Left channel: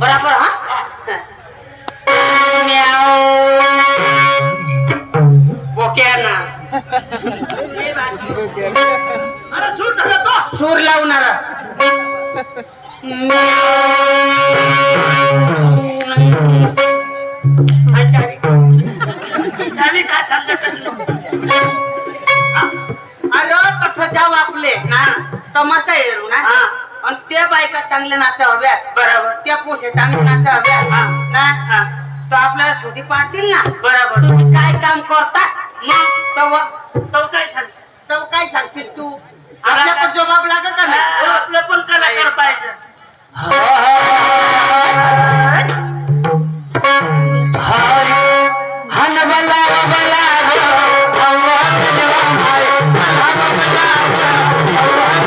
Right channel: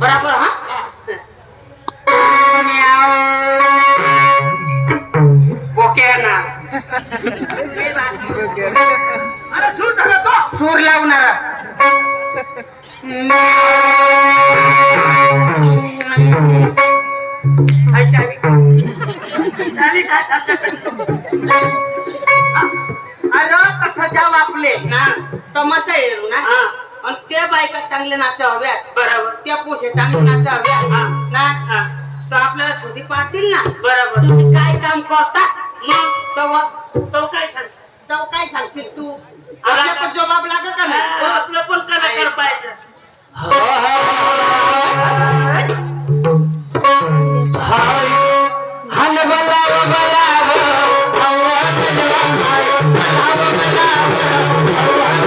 बराबर हा? बोक्या ना अरे सूर तो. सूर लावणारा. का अरे कठोच्या वापले ना तमाशा येऊ ना आणि त्या बायका चांगल्या नाचा हव्यात बरोबर. त्या पुढे चांगले नाचा हव्यात ना? तर आपल्याला शोधी पाडतील ना? बरोबर. तुम्ही काय काम करता? मग तेव्हा तो काय सांगशील? तो काय सांगशील तू? आपल्या पण जबाब लागत का नाही? आपलं पण कलाकार पाहिजे. तू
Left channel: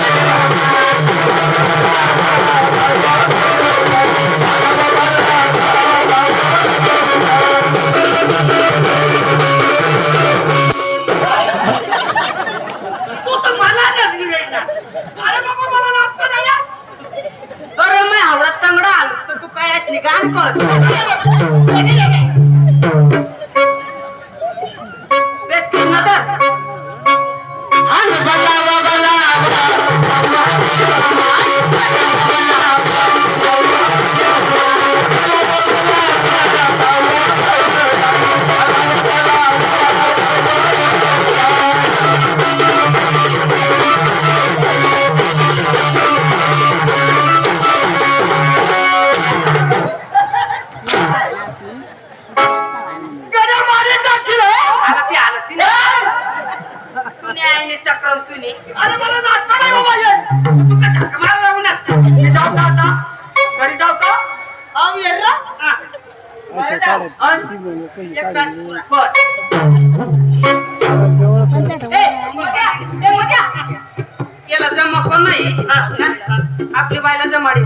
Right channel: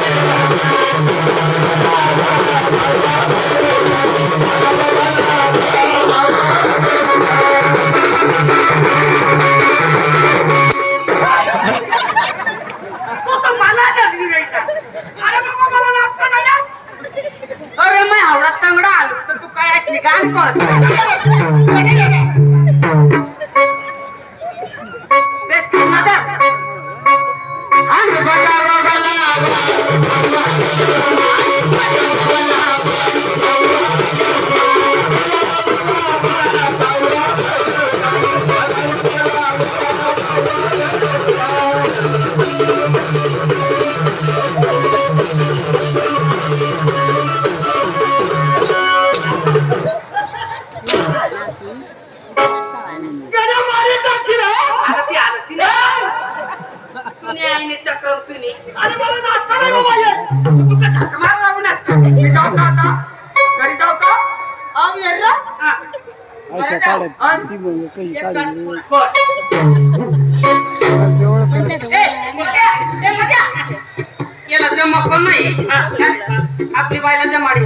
I'm चक्रम तुने. अरे मला. तू काय? मी जाऊ का आता? घरी जाऊ का? केला जमा पण नाही. आपली बायला जमाडी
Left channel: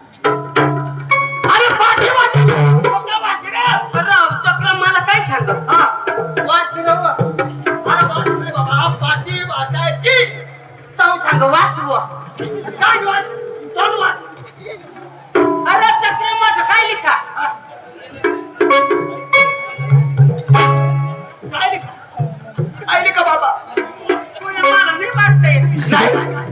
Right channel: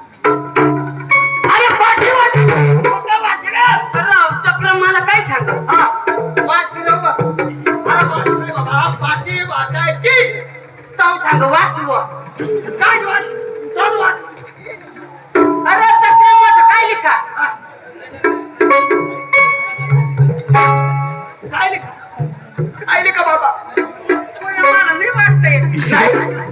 वाचायची. ताव सांग वासव. काय वाच? दोन वाच. अरे माझं काय लिखा काय लिखा काय लिखा बाबा कोणी मला नाही वाचता काय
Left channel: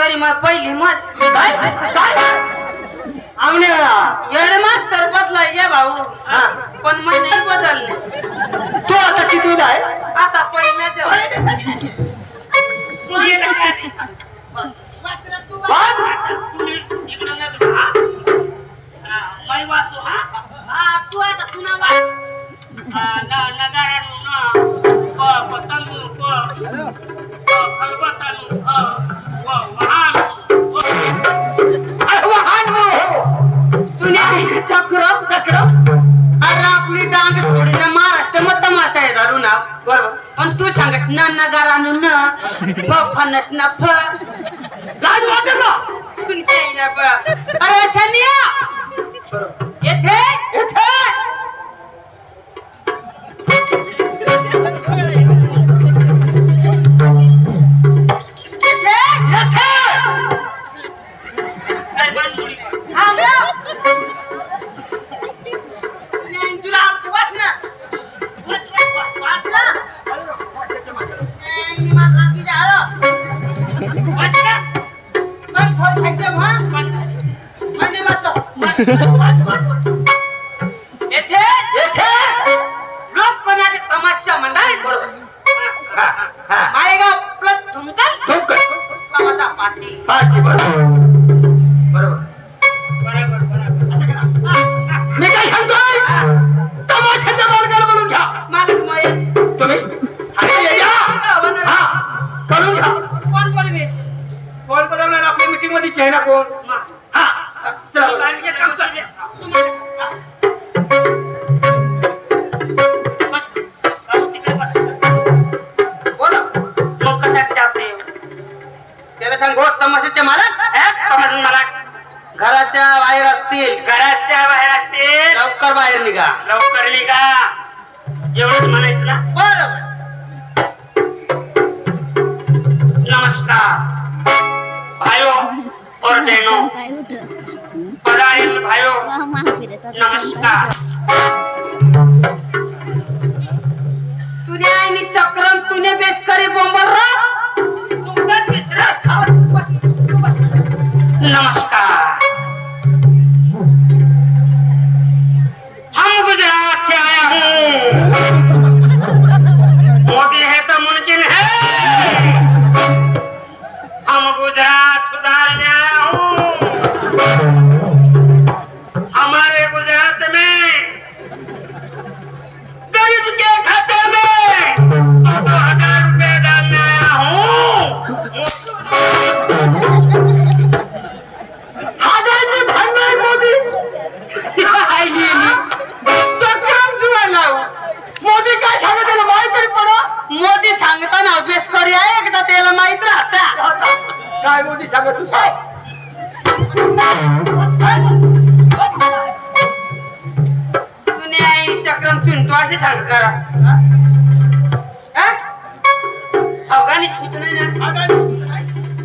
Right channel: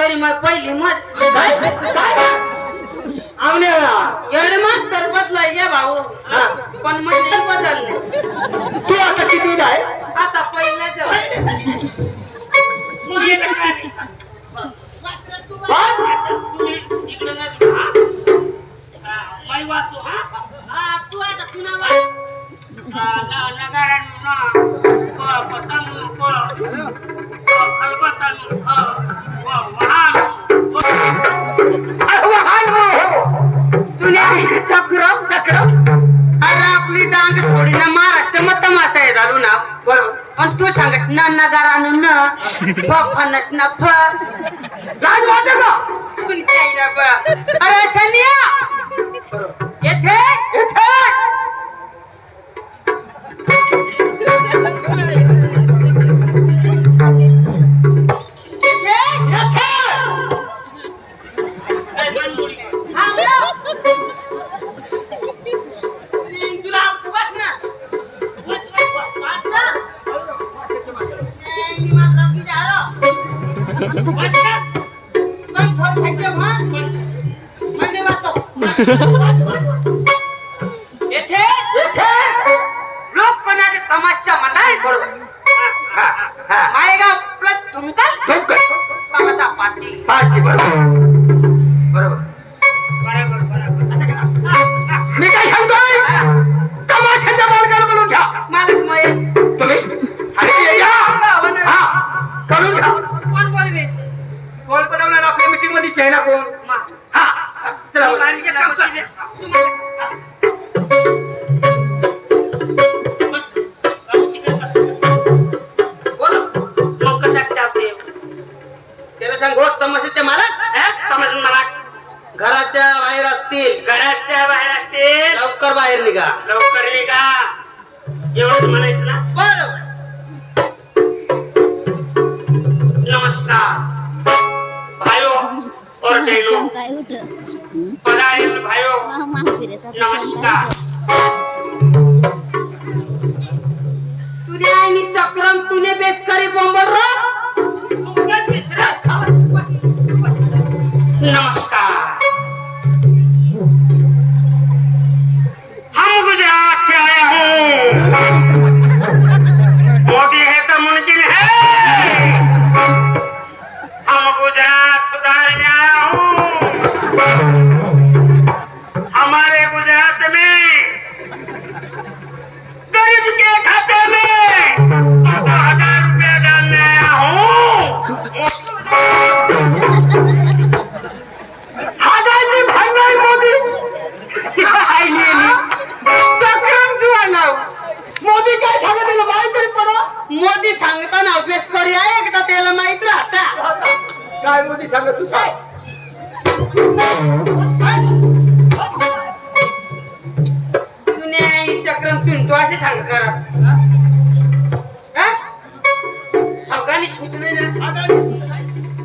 तरी मग पहिली मत मास्तर बदलाय या भाऊ. पण नाही बदलले. तू आता किती आहे? आता पहिल्याच. वासू हा. तू आता तुला वाच नगारा तमाशा नगारानं न फनस ना फ गाज वाटत का तुमच्या आईला बा. अरे छानिया येथे येथे येथे येथे येथे येथे लोक कोणाचे तमाशा म्हणताय बरोबर मायगाव प्लस तुमका तमाशा पार्टी पार्टी बरोबर बरोबर बरोबर बरोबर मी काय सांगतोय तमाशाच्या मालकाला बोलून घ्या मालक मग तुम्ही अरे ये या हा बोलून घ्या कोण बोलवे कोण बोलवणार आपल्या मीटिंगमध्ये चेहरा कोण घराच्या बाहेर असतील घराच्या बाहेर असतील लवकर बाहेर निघा लवकर निघा एवढंच म्हणायचं ना बरोबर काय उठ आईनी चक्रम तुने बेस करी बोंबर हमारे गुजरात में गरीब के खाते में दो दो हजार रुपया डालने आया हूँ हाडाचे भांडाय मोदी आईली चक्रम किंवा नाव मोदी काय सांगत त्याला माहित तरी पडो मोदी सांगताना अभ्यास करी आहे एकदा त्याला माहित राहता काय मोदी सांगत तू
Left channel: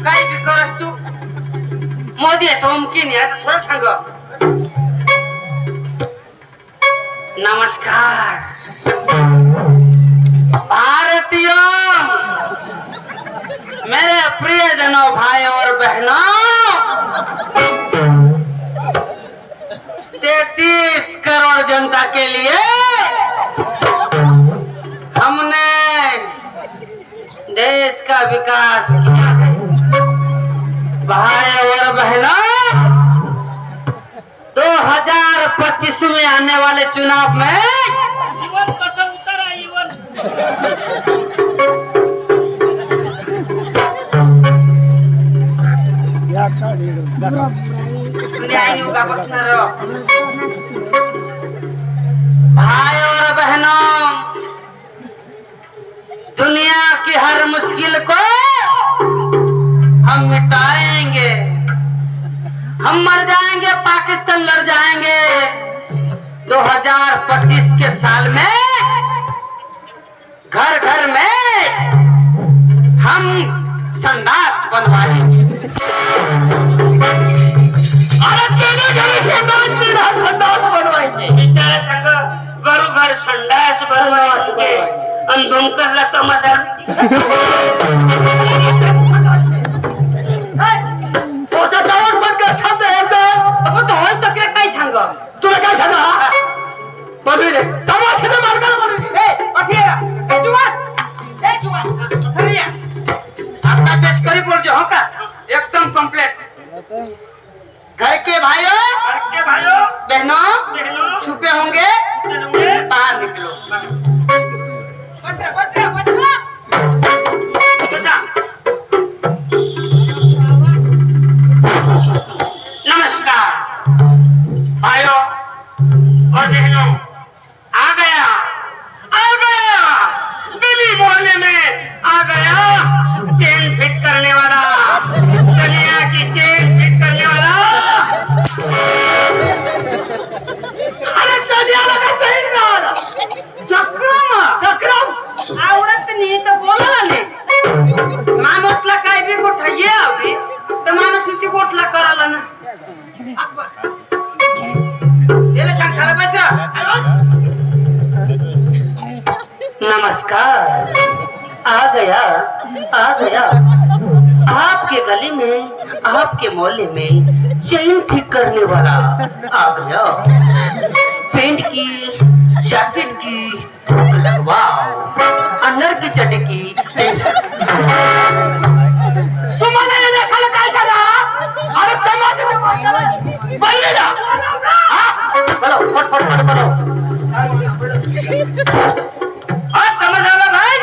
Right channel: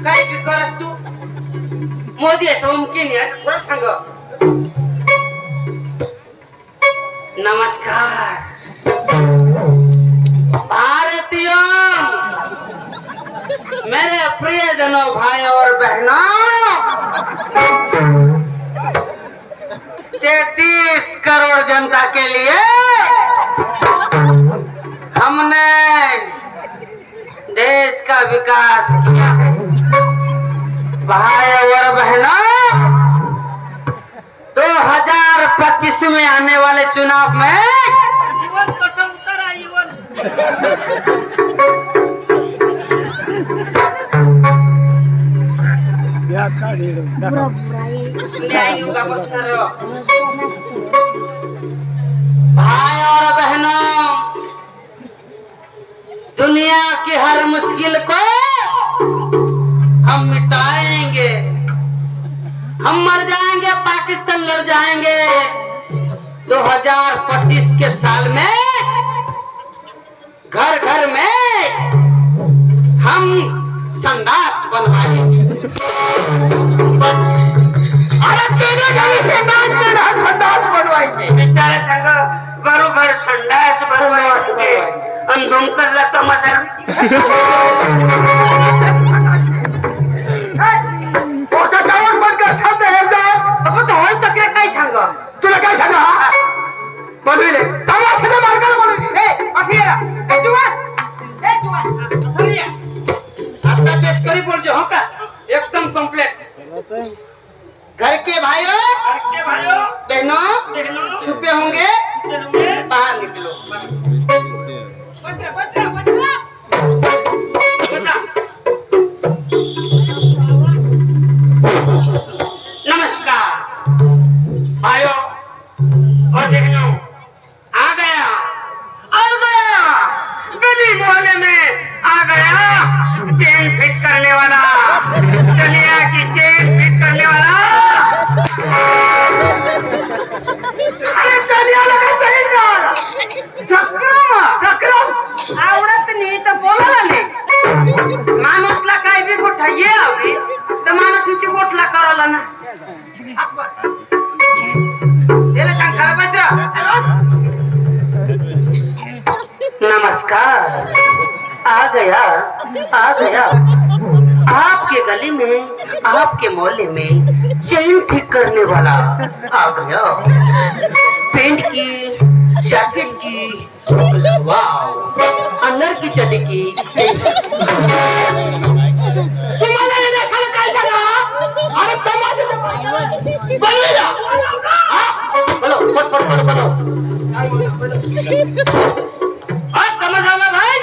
काय तू? मोदी आहे असं थोडं सांग. नमस्कार. भारतीय मेरे प्रियजनों भाई और बहनों तैतीस करोड़ जनता के लिए का विकास किया है भाई और बहनों 2025 में आने वाले चुनाव में इवन कठ उतारा इवन बुरा बुरा ये दुनिया ही होगा बख्तर रहो। तो नसतो भाई और बहनों दुनिया की हर मुश्किल को हम मिटाएंगे। हम मर जाएंगे पाकिस्तान लड़ जाएंगे। 2025 के साल में घर घर में हम संदास बनवाएंगे। अरे तेरे घर से संडास बनवाएंगे। बिचारे संडास बनवायचे आणि धुमकरला तमाशा पोटा माणूस तिथे गोठला करायला ना। नमस्कार। आ गया आ गया। आपके गली में, आपके मोहल्ले में चेन ठीक करने वाला आ गया। पेंट की, जैकेट की वाव अंदर की चटी की। બોલી જા બોલો ફટ ફટ ફટ બોલો. આ તમે જાવા ભાઈ.